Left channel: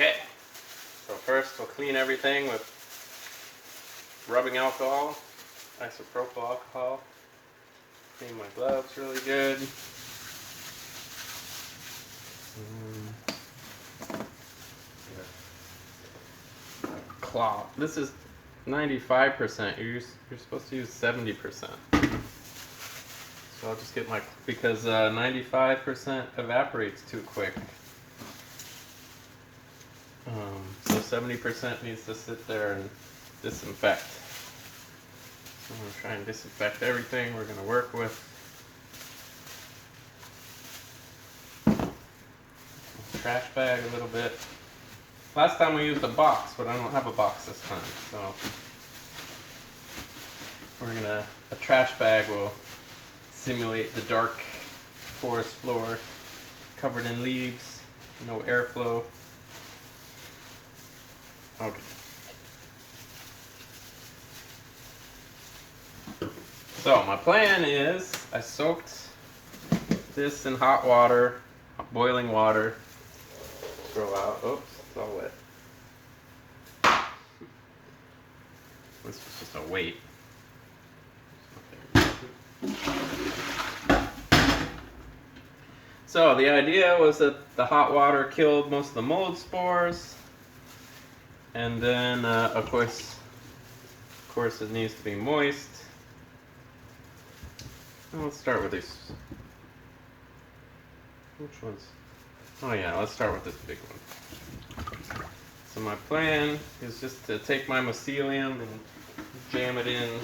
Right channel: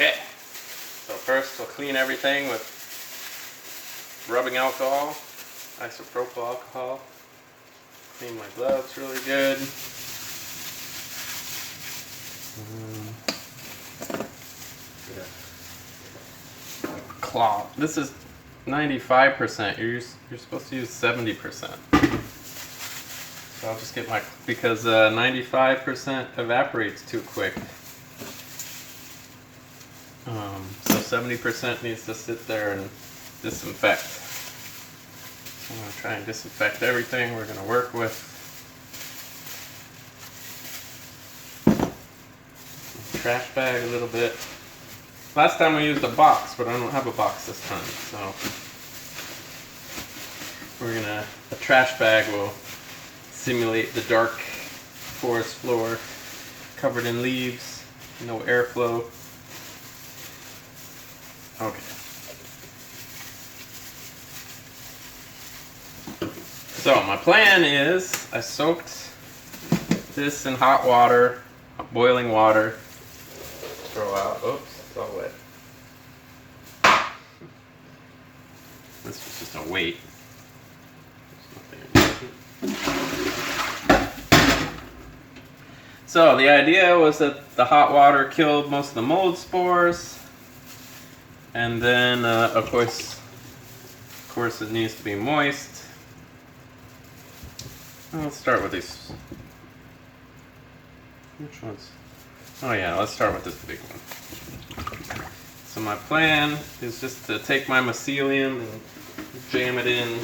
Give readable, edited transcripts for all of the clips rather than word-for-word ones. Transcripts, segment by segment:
Okay, so first we'll clean everything with rubbing alcohol, isopropyl alcohol. Clean my gloves really good. Cloth. This is 95%. You're supposed to use 70%. So I'll just get my, because 95% evaporates too quick. So 70% needs to sit there and disinfect. So I'm going to try and disinfect everything we're going to work with. Trash bag a little bit. Last time we used a box, but I don't have a box this time. So a trash bag will simulate the dark forest floor covered in leaves, no airflow. Okay. So my plan is I soaked this in hot water, boiling water. Throw out. Oops, it's all wet. This is just a weight. So the idea was that the hot water killed most of the mold spores, and then of course it needs to be moist. Well, let's start with these. Which ones? Oh yeah, let's start with this big one. So my plan is just to take my mycelium and jam it in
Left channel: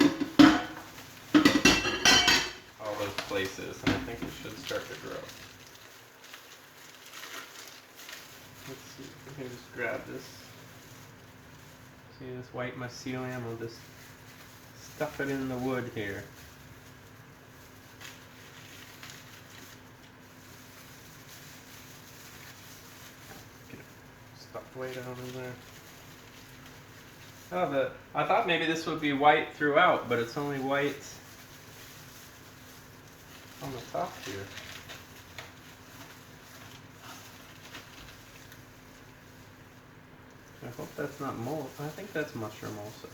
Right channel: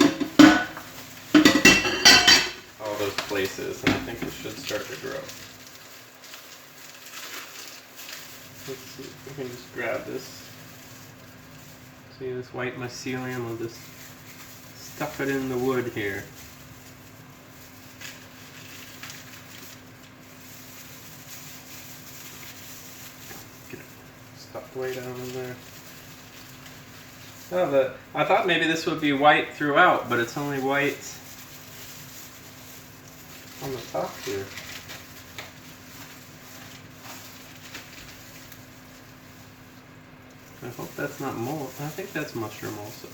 all those places, and I think it should start to grow. Let's see if we can just grab this. See this white mycelium? We'll just stuff it in the wood here. Get it stuffed way down in there. Oh, I thought maybe this would be white throughout, but it's only white on the top here. I hope that's not mold. I think that's mushroom also.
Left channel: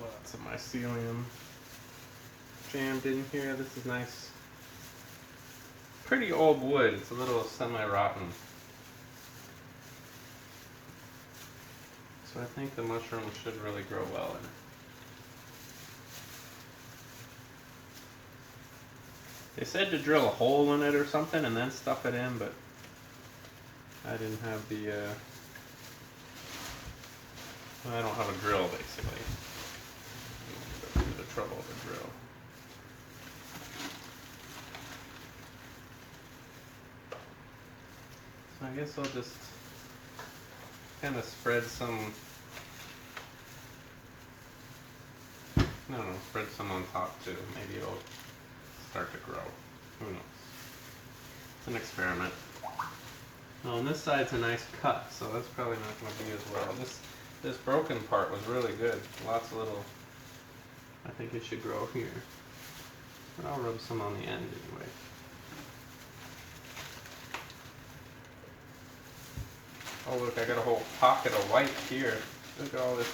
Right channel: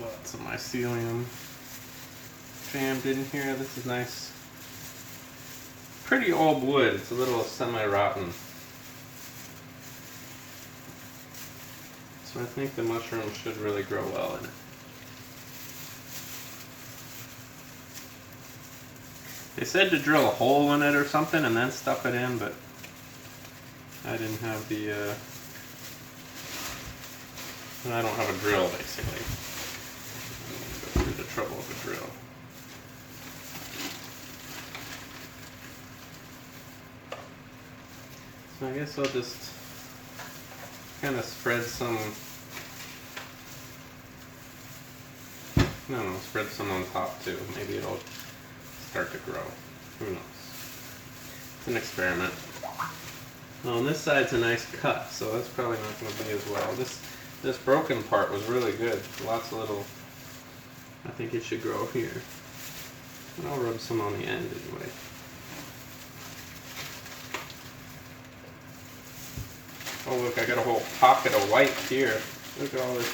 Lots of mycelium jammed in here. This is nice. Pretty old wood. It's a little semi-rotten. So I think the mushroom should really grow well in it. They said to drill a hole in it or something and then stuff it in, but I didn't have I don't have a drill basically. Go through the trouble of a drill. So I guess I'll just kind of spread some, spread some on top too. Maybe it'll start to grow. Who knows? It's an experiment. Well, on this side's a nice cut, so that's probably not going to be as well. This broken part was really good. Lots of little, I think it should grow here. And I'll rub some on the end anyway. Oh look, I got a whole pocket of white here. Look at all this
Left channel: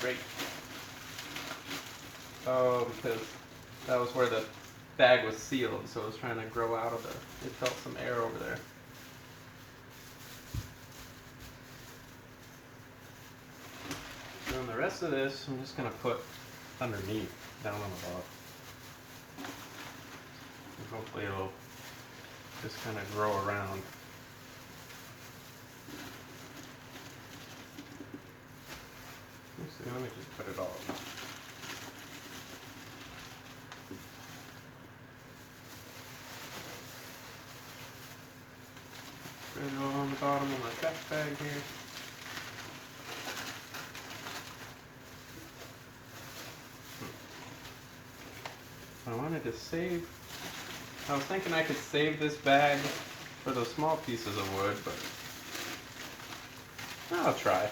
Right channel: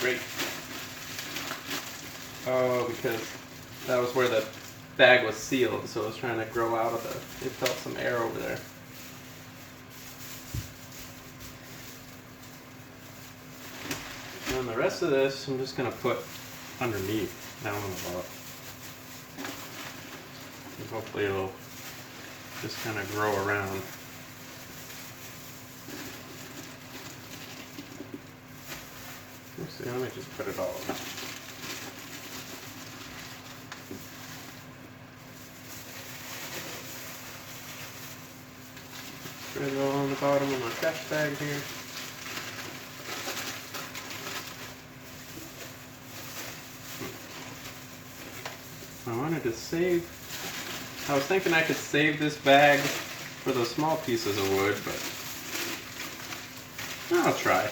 great. Oh, because that was where the bag was sealed, so it was trying to grow out of it felt some air over there. And then the rest of this, I'm just going to put underneath, down on the bottom. And hopefully it'll just kind of grow around. Let me just put it all in. Spread it all on the bottom of my trash bag here. I wanted to save, I was thinking I could save this bag for those small pieces of wood, but I'll try.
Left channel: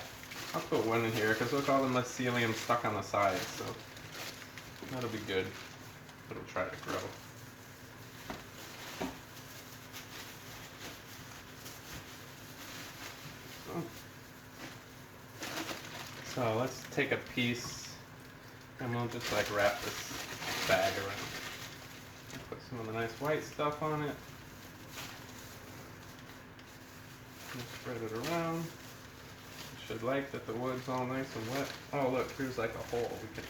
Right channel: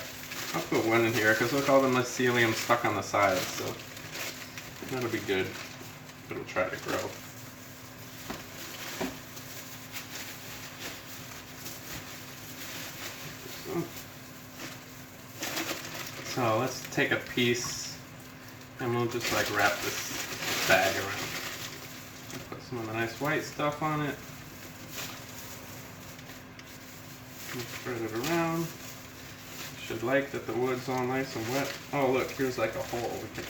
I'll put one in here because look, all the mycelium stuck on the sides, so that'll be good. It'll try to grow. So let's take a piece and we'll just like wrap this bag around. Put some of the nice white stuff on it. And spread it around. Should like that the wood's all nice and wet. Oh look, here's like a hole. We can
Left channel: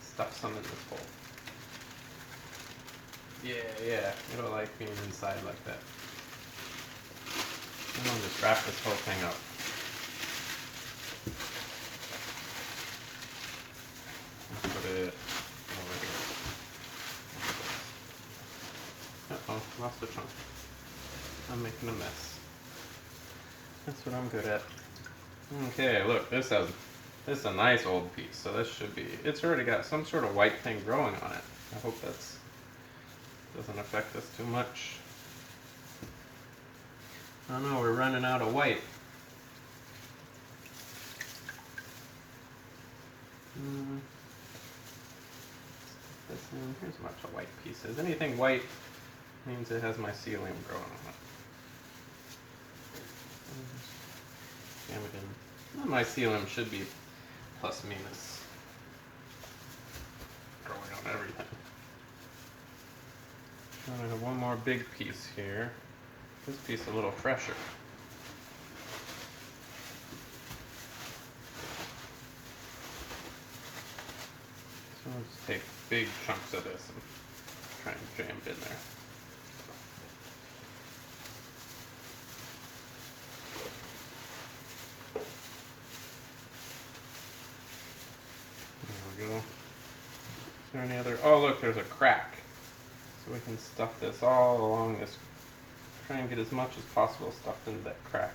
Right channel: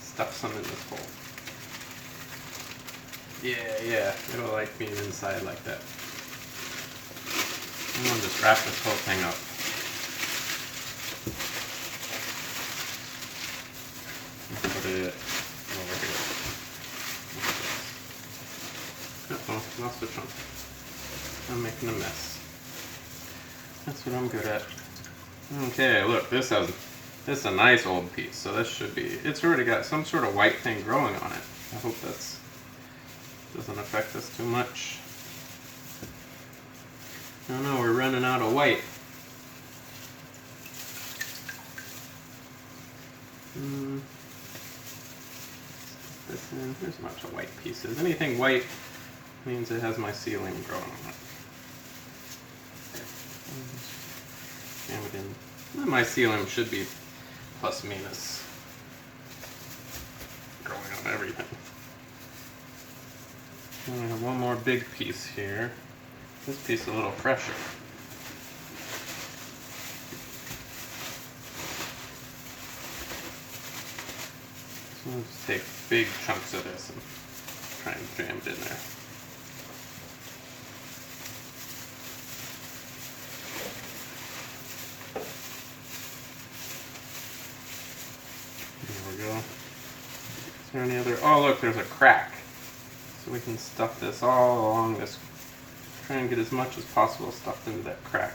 stuff some in this hole. Yeah, it'll like being inside like that. And I'll just wrap this whole thing up. And put it over here. Uh-oh, lost a chunk. I'm making a mess. That's what I'm good at. Okay, look, this is a nice old piece, so this should be, it's already got some sort of white thing growing on it. I hope that's doesn't affect us too much. Oh no, we're running out of white. This in. Here's a bunch of white pieces. Anything white means it has mycelium growing on it. Jam it in. The mycelium should be plus minus growing on everything. And we have one more big piece here. This piece is a little fresher. So we'll just take big chunks of this and try and jam it in there. There we go. Is there any other? Oh look, there's a crack. So we can stuff this all along this. Try and get as much as possible stuffed into that crack.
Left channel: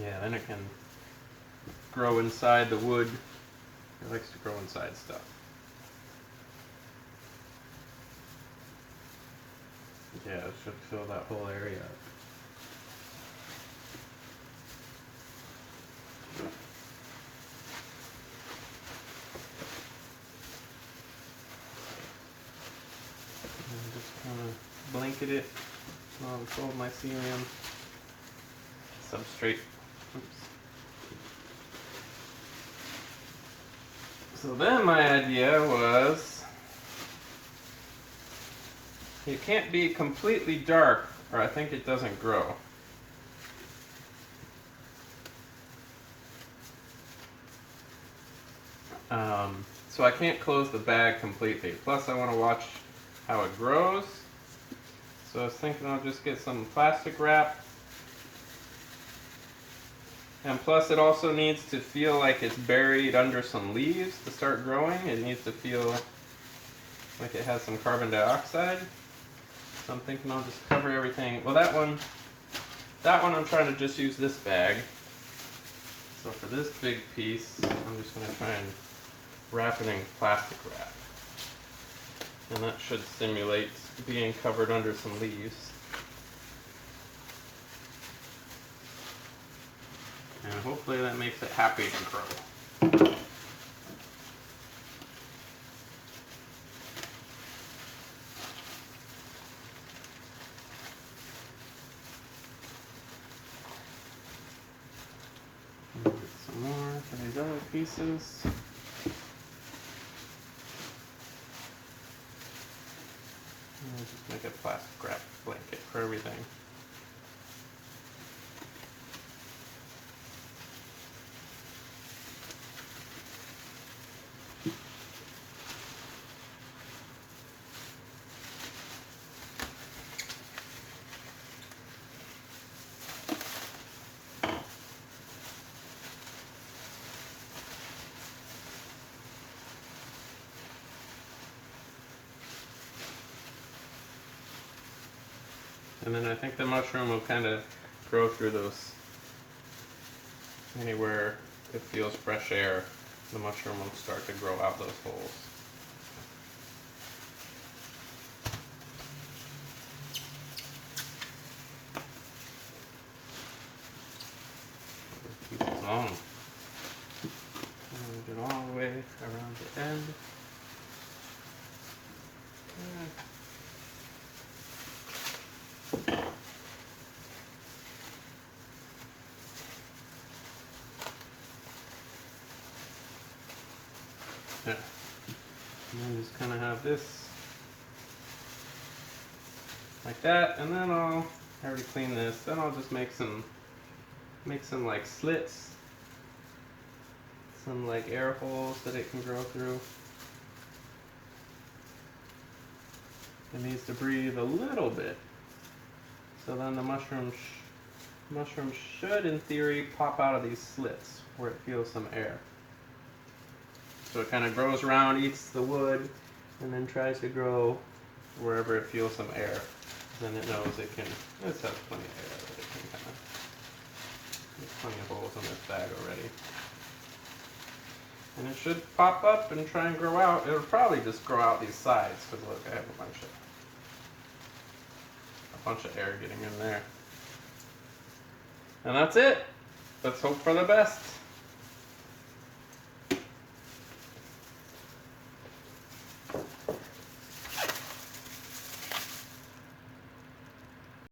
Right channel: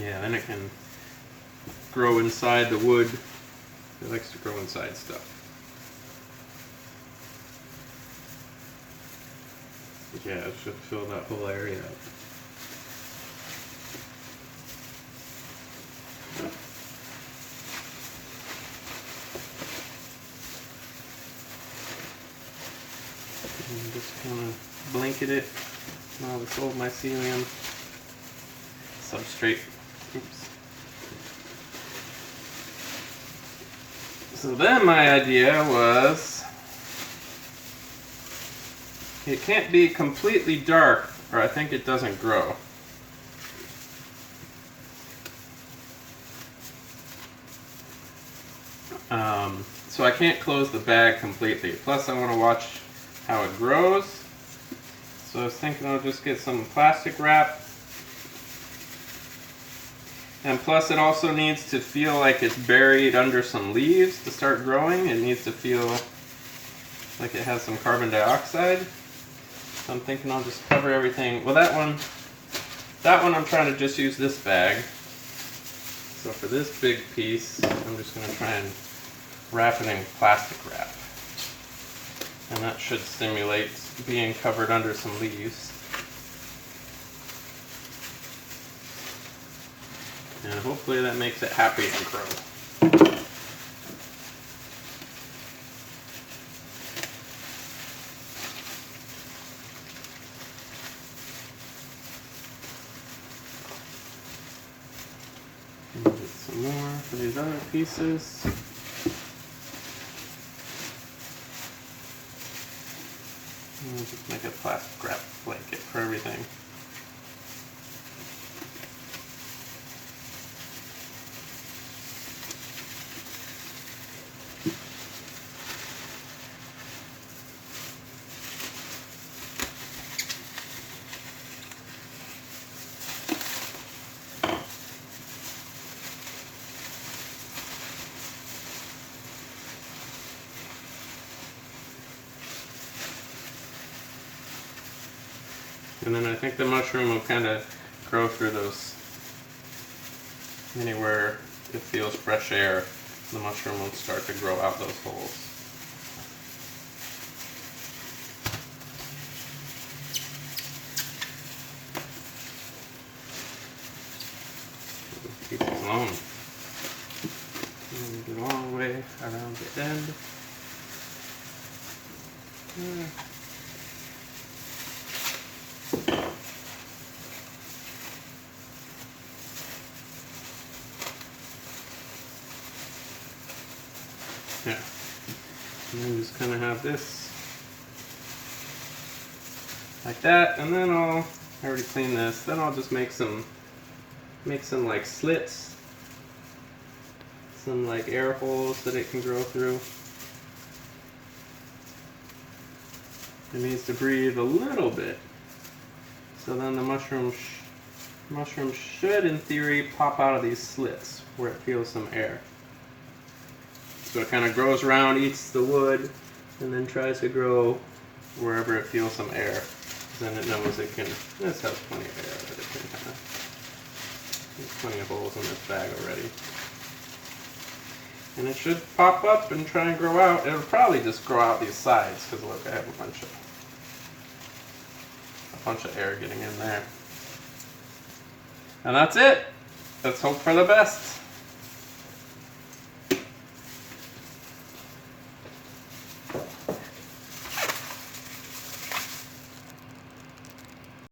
Yeah, then it can grow inside the wood. It likes to grow inside stuff. Yeah, it should fill that whole area up. And just kind of blanket it. All this old mycelium substrate. Oops. So then my idea was, it can't be completely dark or I think it doesn't grow. So I can't close the bag completely. Plus I want to watch how it grows. So I was thinking I'll just get some plastic wrap. And plus it also needs to feel like it's buried under some leaves to start growing. It needs to feel like it has some carbon dioxide. So I'm thinking I'll just cover everything. Well, that one I'm trying to just use this bag. So for this big piece, I'm just going to try and wrap it in plastic wrap. And that should simulate being covered under some leaves. And hopefully that makes it happy to grow. Get some more for these other pieces. And we'll just make a plastic wrap blanket for everything. And then I think the mushroom will kind of grow through those, anywhere it feels fresh air, the mushroom will start to grow out those holes. alone. And get all the way around the end. Yeah. And then just kind of have this like that, and then I already cleaned this. Then I'll just make some like slits, some like air holes that it can grow through. It needs to breathe a little bit, so then the mushroom should, in theory, pop out of these slits where it feels some air. So it kind of grows around, eats the wood, and then tries to grow wherever it feels some air. Then it knows it can. This has plenty of air that it can kind of. There's plenty of holes in this bag already. And it should pop up and try and grow out. It'll probably just grow out these sides, because look, I have a bunch of air getting in there. And that's it. Let's hope for the best.